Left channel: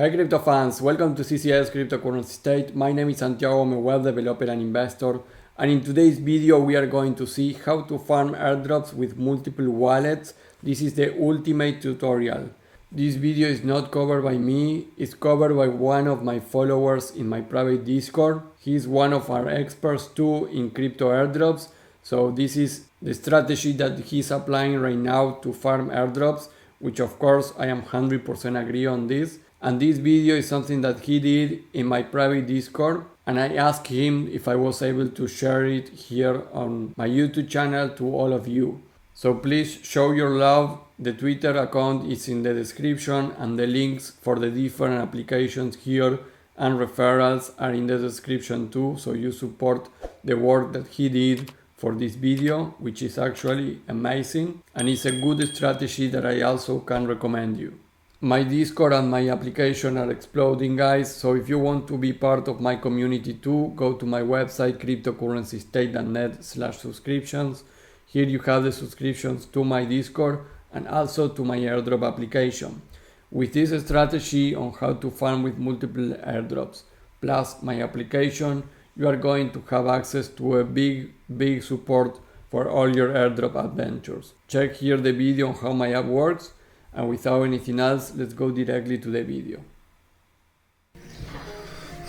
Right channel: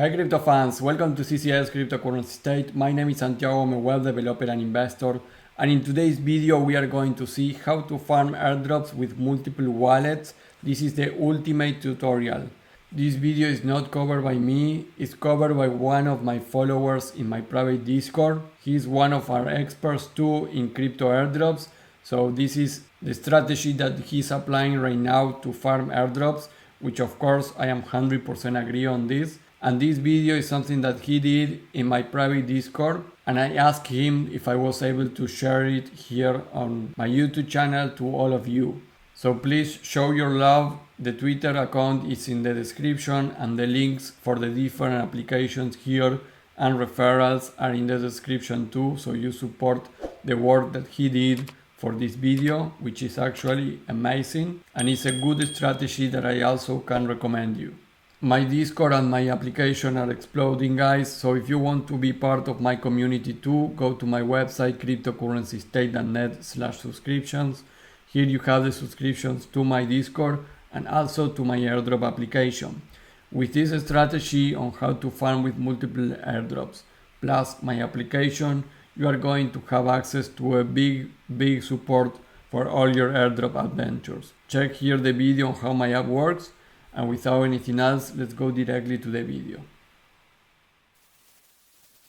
Hi crypto fans, welcome to CCS Cryptocurrency State. My name is Santiago, I'm a web developer and investor, and in today's video we are going to see how to farm airdrops with multiple wallets. This is the ultimate tutorial. This video is not covered by me, it's covered by one of my followers in my private Discord. He's one of our experts too in crypto airdrops, so this is the strategy that he's applying right now to farm airdrops, which of course I am 100% agree on this. And this video is something that he did in my private Discord, and I asked him if I was able to share it here on my YouTube channel to all of you. So please show your love. The Twitter account is in the description, and the links for the different applications here and referrals are in the description too, so you support the work that he did for this video, which is actually amazing, and it's a good strategy that I also can recommend you. My Discord and my application are exploding, guys, so if you want to be part of my community too, go to my website cryptocurrencystate.net/subscriptions. Here you have the subscriptions to my Discord and also to my airdrop application. With this strategy on how to farm with multiple airdrops plus my application, you are going to have access to a big support for all your airdrop adventures. Check here the video on how my app works. And without anything else, let's go directly to the video.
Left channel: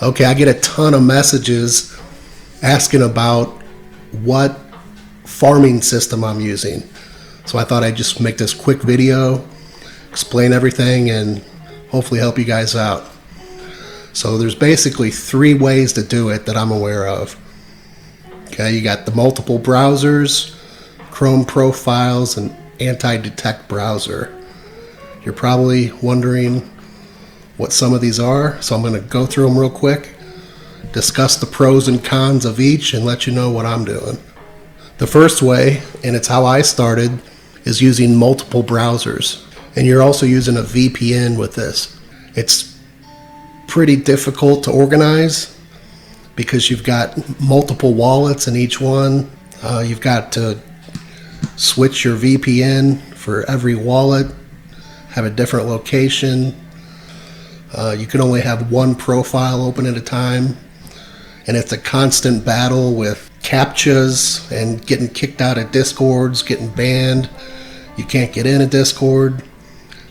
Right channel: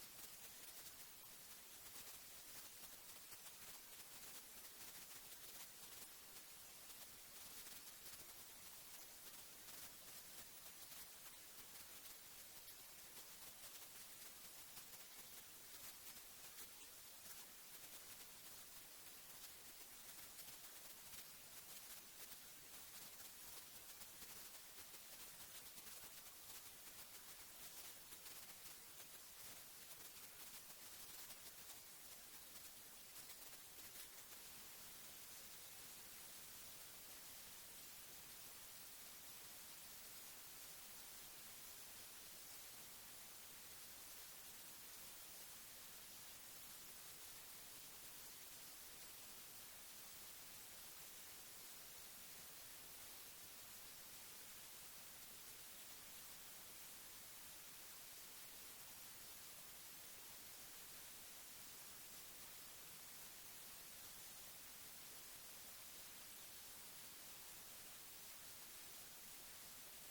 Okay, I get a ton of messages asking about what farming system I'm using. So I thought I'd just make this quick video, explain everything, and hopefully help you guys out. So there's basically 3 ways to do it that I'm aware of. Okay, you got the multiple browsers, Chrome profiles, and anti-detect browser. You're probably wondering what some of these are, so I'm going to go through them real quick, discuss the pros and cons of each, and let you know what I'm doing. The first way, and it's how I started, is using multiple browsers. And you're also using a VPN with this. It's pretty difficult to organize because you've got multiple wallets in each one. You've got to switch your VPN for every wallet, have a different location. You can only have one profile open at a time, and it's a constant battle with CAPTCHAs and getting kicked out of Discords, getting banned. You can't get in a Discord.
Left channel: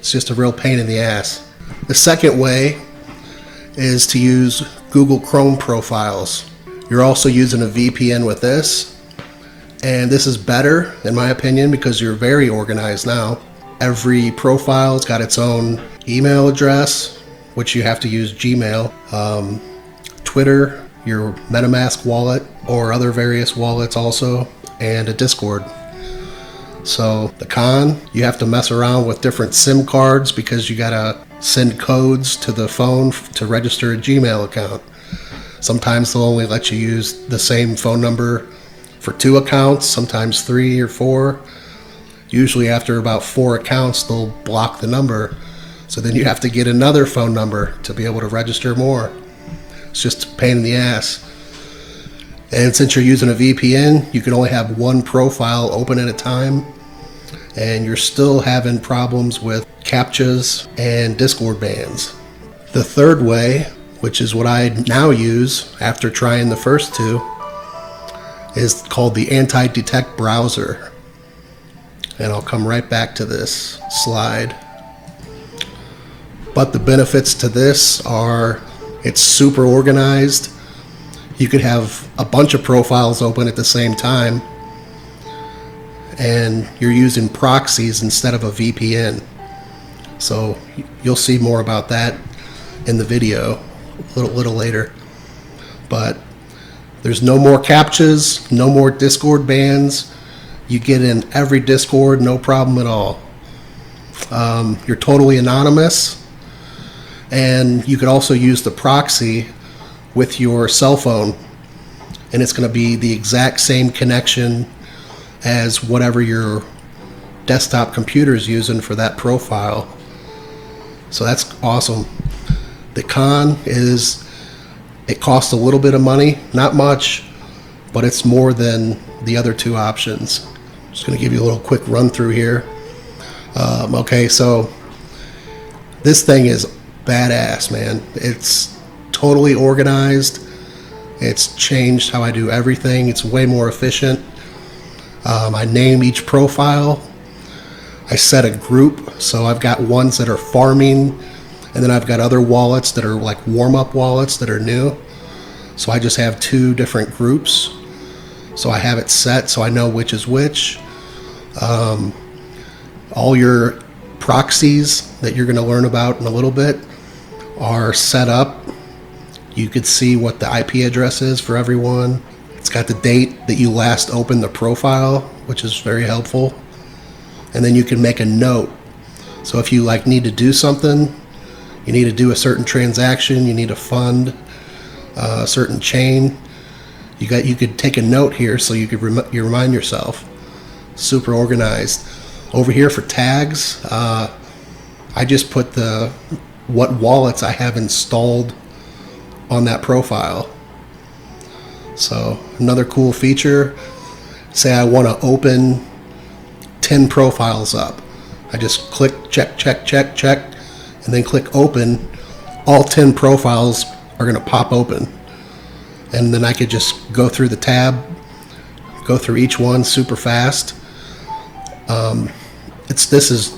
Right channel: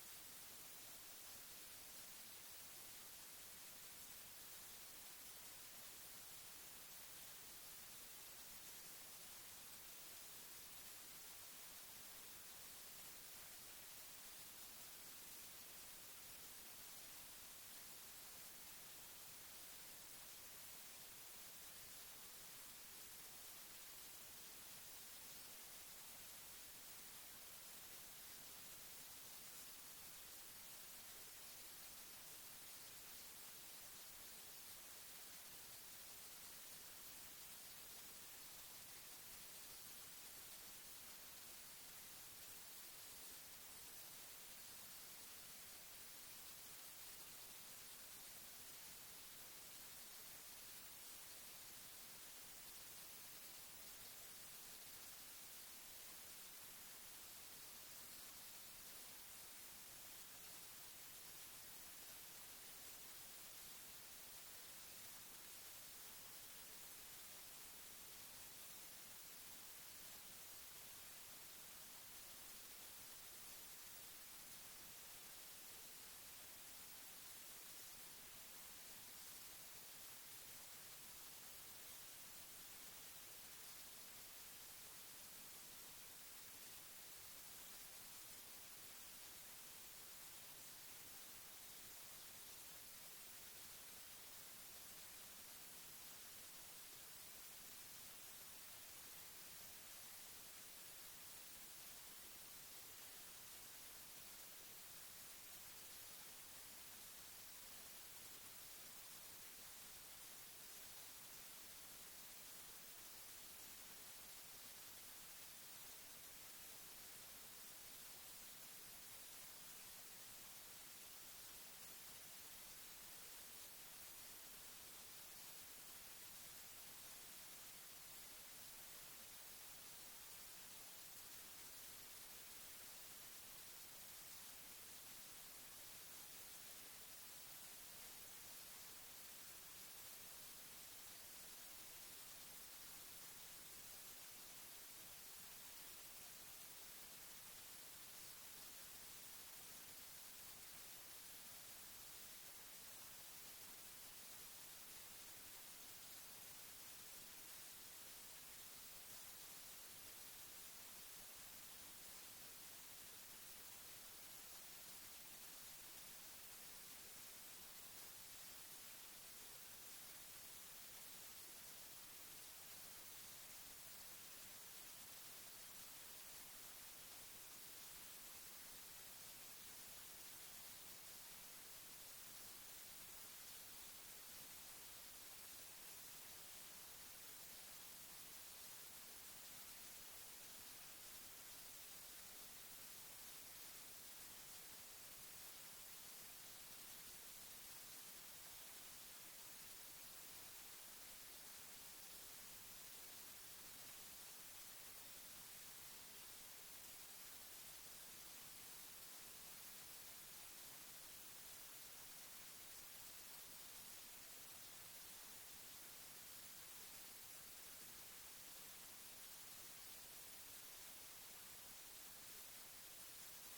It's just a real pain in the ass. The second way is to use Google Chrome profiles. You're also using a VPN with this, and this is better in my opinion because you're very organized now. Every profile's got its own email address, which you have to use Gmail, Twitter, your MetaMask wallet, or other various wallets also, and a Discord. So the con, you have to mess around with different SIM cards because you gotta send codes to the phone to register a Gmail account. Sometimes they'll only let you use the same phone number for 2 accounts, sometimes 3 or 4. Usually after about 4 accounts, they'll block the number. So then you have to get another phone number to be able to register more. It's just a pain in the ass. And since you're using a VPN, you can only have one profile open at a time. And you're still having problems with CAPTCHAs and Discord bans. The third way, which is what I now use after trying the first 2, is called the anti-detect browser. And I'll come right back to this slide. But the benefits to this are it's super organized. You could have a bunch of profiles open at the same time, and you're using proxies instead of a VPN. So you'll see more about that in the video a little later. But there's no more CAPTCHAs, no more Discord bans. You get in every Discord, no problem at all. You're totally anonymous, and you could also use the proxy with your cell phone, and it's going to be the exact same connection as whatever your desktop computer is using for that profile. So that's awesome. The con is it costs a little bit of money, not much, but it's more than the other 2 options. Just going to give you a little quick run through here. Okay, so this thing is badass, man. It's totally organized. It's changed how I do everything. It's way more efficient. I name each profile. I set a group, so I've got ones that are farming, and then I've got other wallets that are like warm-up wallets that are new. So I just have 2 different groups. So I have it set so I know which is which. All your proxies that you're going to learn about in a little bit are set up. You could see what the IP address is for everyone. It's got the date that you last opened the profile, which is very helpful. And then you can make a note. So if you like need to do something, you need to do a certain transaction, you need to fund a certain chain, you could take a note here so you could you remind yourself. Super organized. Over here for tags, I just put what wallets I have installed on that profile. So another cool feature, say I want to open 10 profiles up. I just click check, and then click open. All 10 profiles are going to pop open. And then I could just go through the tab, go through each one super fast. This is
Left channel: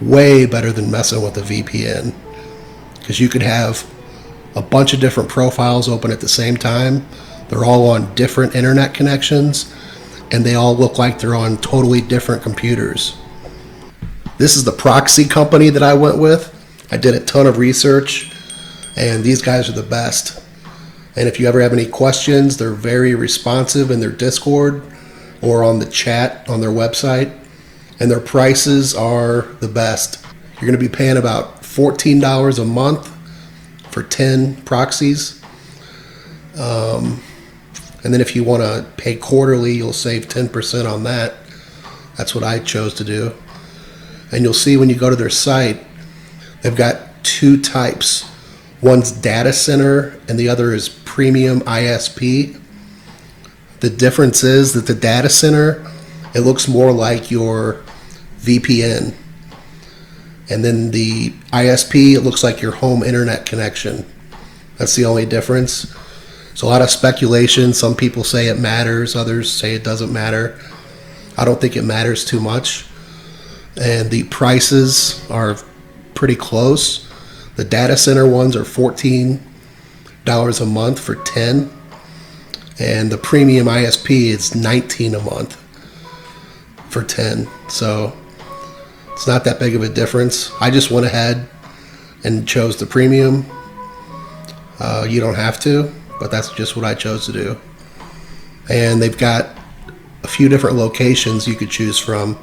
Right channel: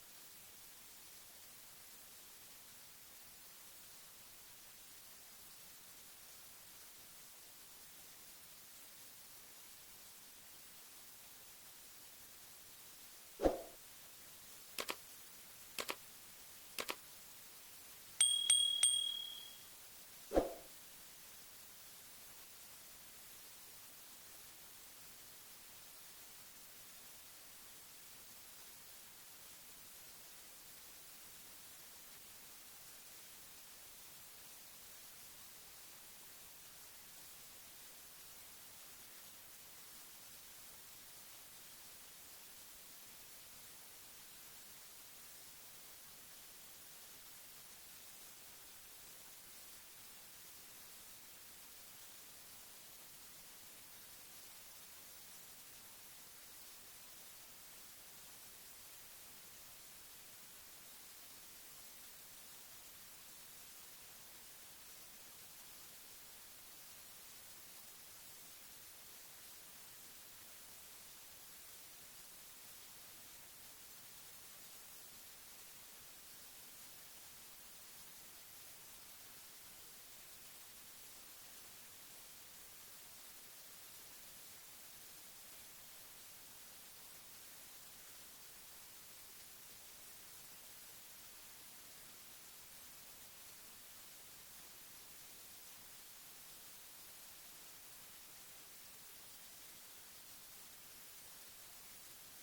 way better than messing with a VPN, because you could have a bunch of different profiles open at the same time. They're all on different internet connections, and they all look like they're on totally different computers. This is the Proxy company that I went with. I did a ton of research, and these guys are the best. And if you ever have any questions, they're very responsive in their Discord or on the chat on their website. And their prices are the best. You're going to be paying about $14 a month for 10 proxies. And then if you want to pay quarterly, you'll save 10% on that. That's what I chose to do. And you'll see when you go to their site, they've got 2 types. One's data center and the other is premium ISP. The difference is that the data center, it looks more like your VPN. And then the ISP, it looks like your home internet connection. That's the only difference. There's a lot of speculation. Some people say it matters, others say it doesn't matter. I don't think it matters too much. And the prices are pretty close. The data center ones are $14 a month for 10. And the premium ISP is $19 a month for 10. So it's not that big of a difference. I just went ahead and chose the premium. You don't have to, but that's just what I chose to do. And they've got a few different locations you could choose from.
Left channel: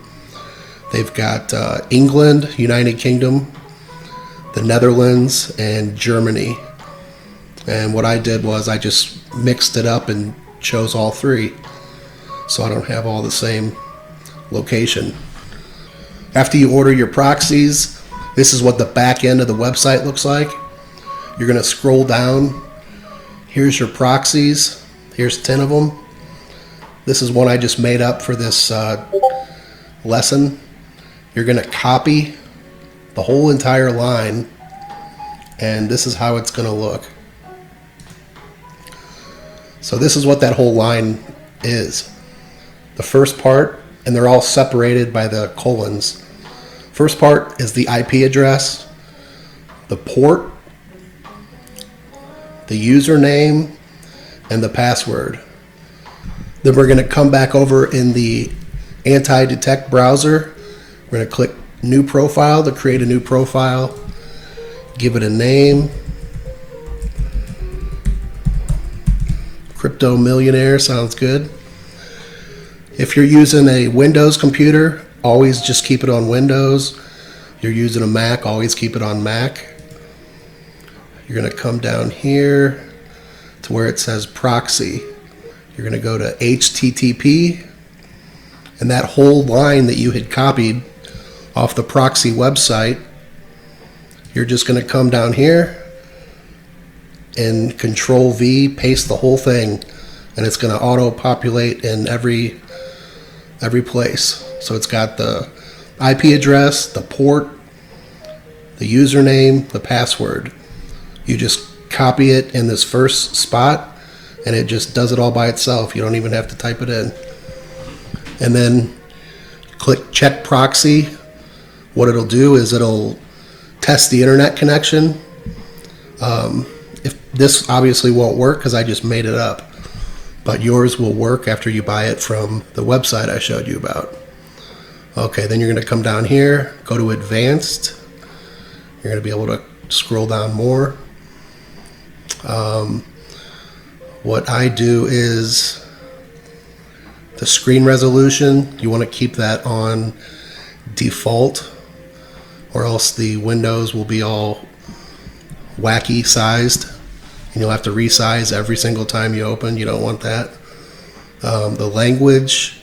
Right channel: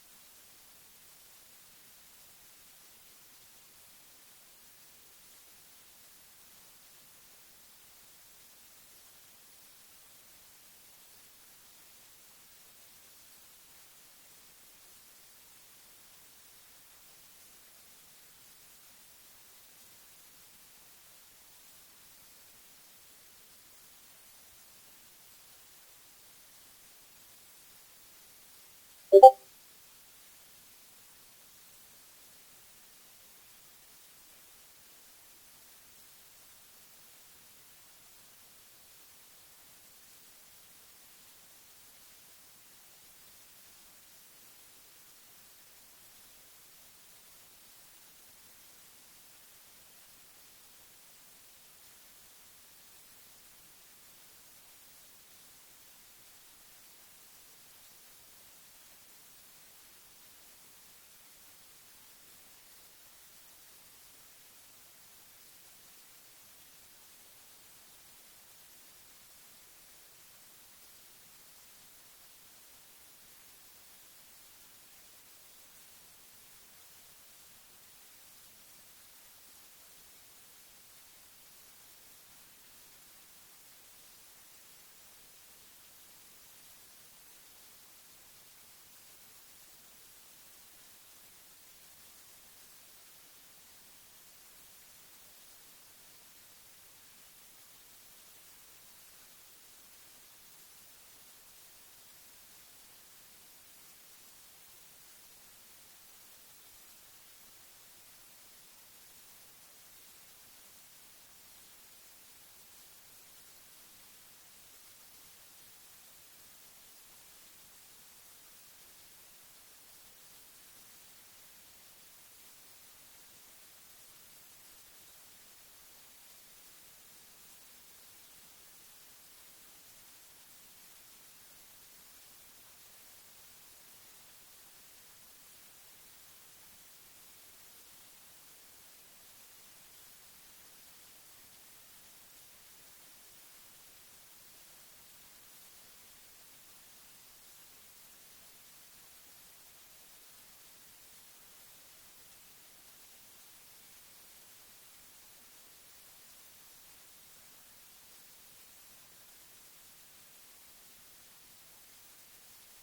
They've got England, United Kingdom, the Netherlands, and Germany. And what I did was I just mixed it up and chose all 3, so I don't have all the same location. After you order your proxies, this is what the back end of the website looks like. You're going to scroll down. Here's your proxies. Here's 10 of them. This is one I just made up for this lesson. You're going to copy the whole entire line, and this is how it's going to look. So this is what that whole line is. The first part, and they're all separated by the colons. First part is the IP address, the port, the username, and the password. Then we're going to come back over in the anti-detect browser. We're going to click new profile to create a new profile. Give it a name. Crypto Millionaire sounds good. If you're using a Windows computer, always just keep it on Windows. If you're using a Mac, always keep it on Mac. You're going to come down here to where it says proxy. You're going to go to HTTP, and that whole line that you had copied off the proxy website, you're just going to come down here and Control V, paste the whole thing, and it's going to auto populate in every place. So it's got the IP address, the port, the the username, the password. You just copy it in this first spot and it just does it all by itself. You don't even have to type it in. And then click check proxy. What it'll do is it'll test the internet connection. If this obviously won't work because I just made it up, but yours will work after you buy it from the website I showed you about. Okay, then you're going to come down here, go to advanced. You're going to be able to scroll down more. What I do is the screen resolution, you want to keep that on default, or else the windows will be all wacky sized and you'll have to resize every single time you open. You don't want that. The language,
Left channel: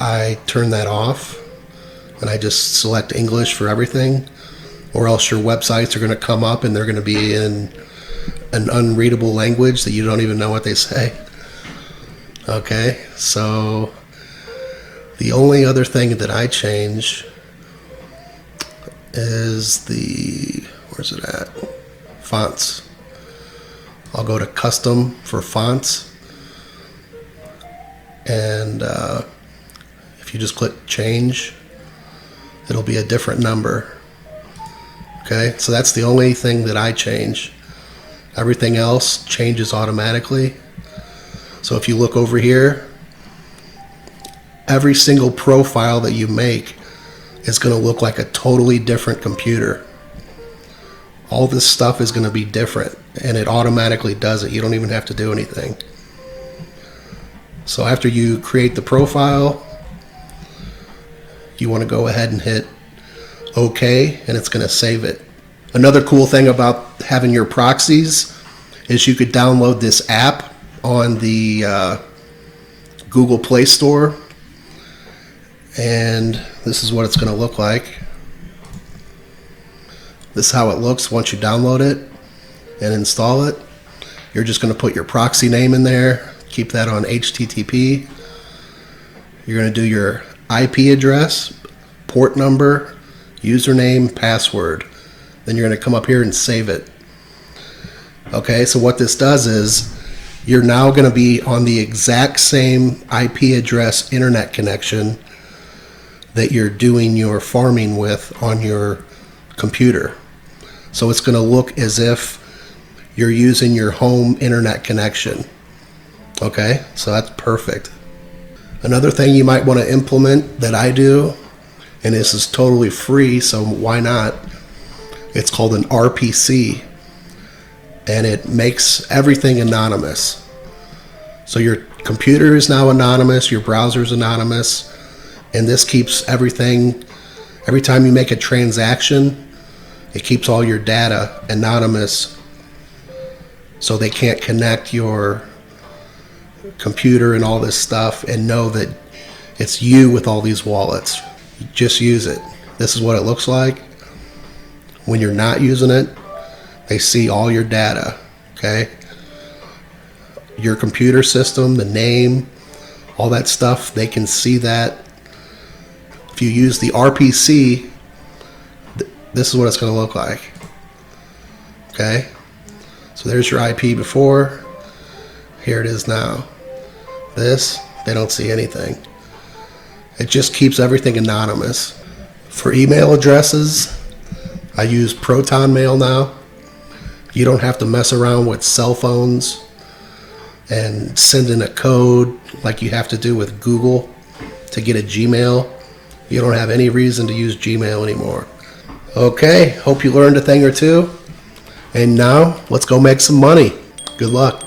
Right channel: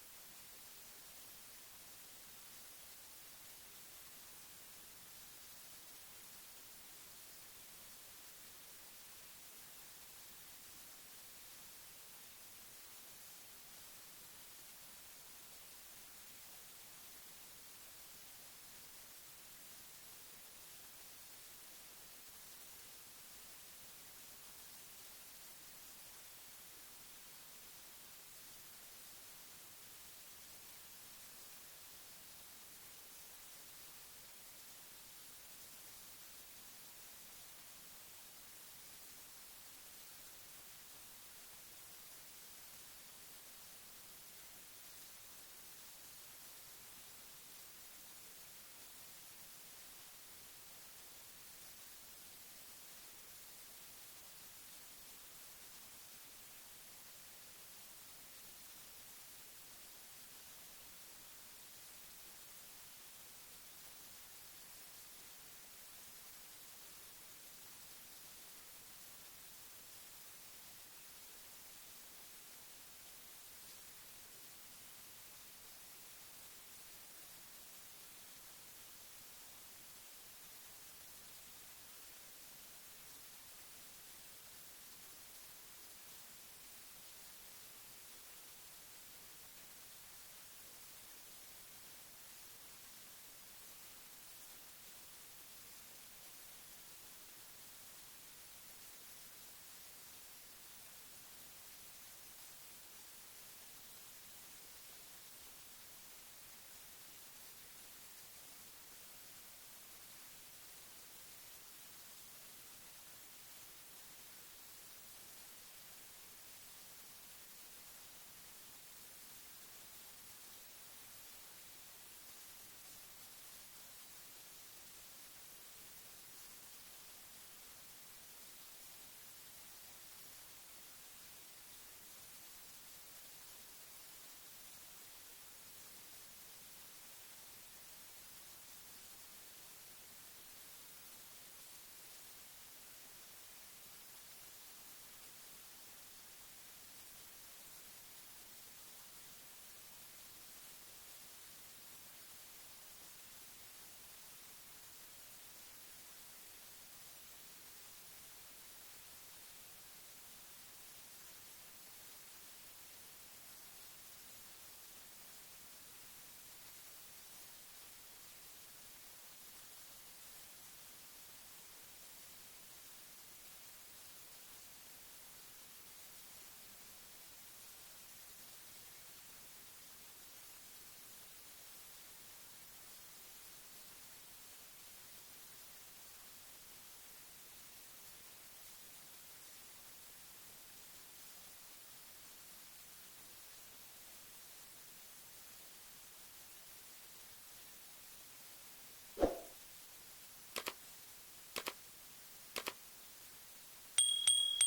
I turn that off and I just select English for everything, or else your websites are going to come up and they're going to be in an unreadable language that you don't even know what they say. Okay, so the only other thing that I change is the, where's it at? Fonts. I'll go to custom for fonts, and if you just click change, it'll be a different number. Okay, so that's the only thing that I change. Everything else changes automatically. So if you look over here, every single profile that you make is going to look like a totally different computer. All this stuff is going to be different, and it automatically does it. You don't even have to do anything. So after you create the profile, you want to go ahead and hit OK, and it's going to save it. Another cool thing about having your proxies is you could download this app on the Google Play Store, and this is what it's going to look like. This is how it looks once you download it and install it. You're just going to put your proxy name in there, keep that on HTTP. You're going to do your IP address, port number, username, password. Then you're going to come up here and save it. Okay, so what this does is you're now going to be on the exact same IP address internet connection that you're doing your farming with on your computer. So it's going to look as if you're using your home internet connection. Okay, so that's perfect. Another thing you might want to implement that I do, and this is totally free, so why not? It's called an RPC, and it makes everything anonymous. So your computer is now anonymous, your browser is anonymous, and this keeps everything, every time you make a transaction, it keeps all your data anonymous, so they can't connect your computer and all this stuff and know that it's you with all these wallets. Just use it. This is what it looks like. When you're not using it, they see all your data, okay? Your computer system, the name, all that stuff, they can see that. If you use the RPC, this is what it's going to look like, okay? So there's your IP before. Here it is now. This, they don't see anything. It just keeps everything anonymous. For email addresses, I use Proton Mail now. You don't have to mess around with cell phones and send in a code like you have to do with Google to get a Gmail. You don't have any reason to use Gmail anymore. Okay, hope you learned a thing or two. And now, let's go make some money. Good luck.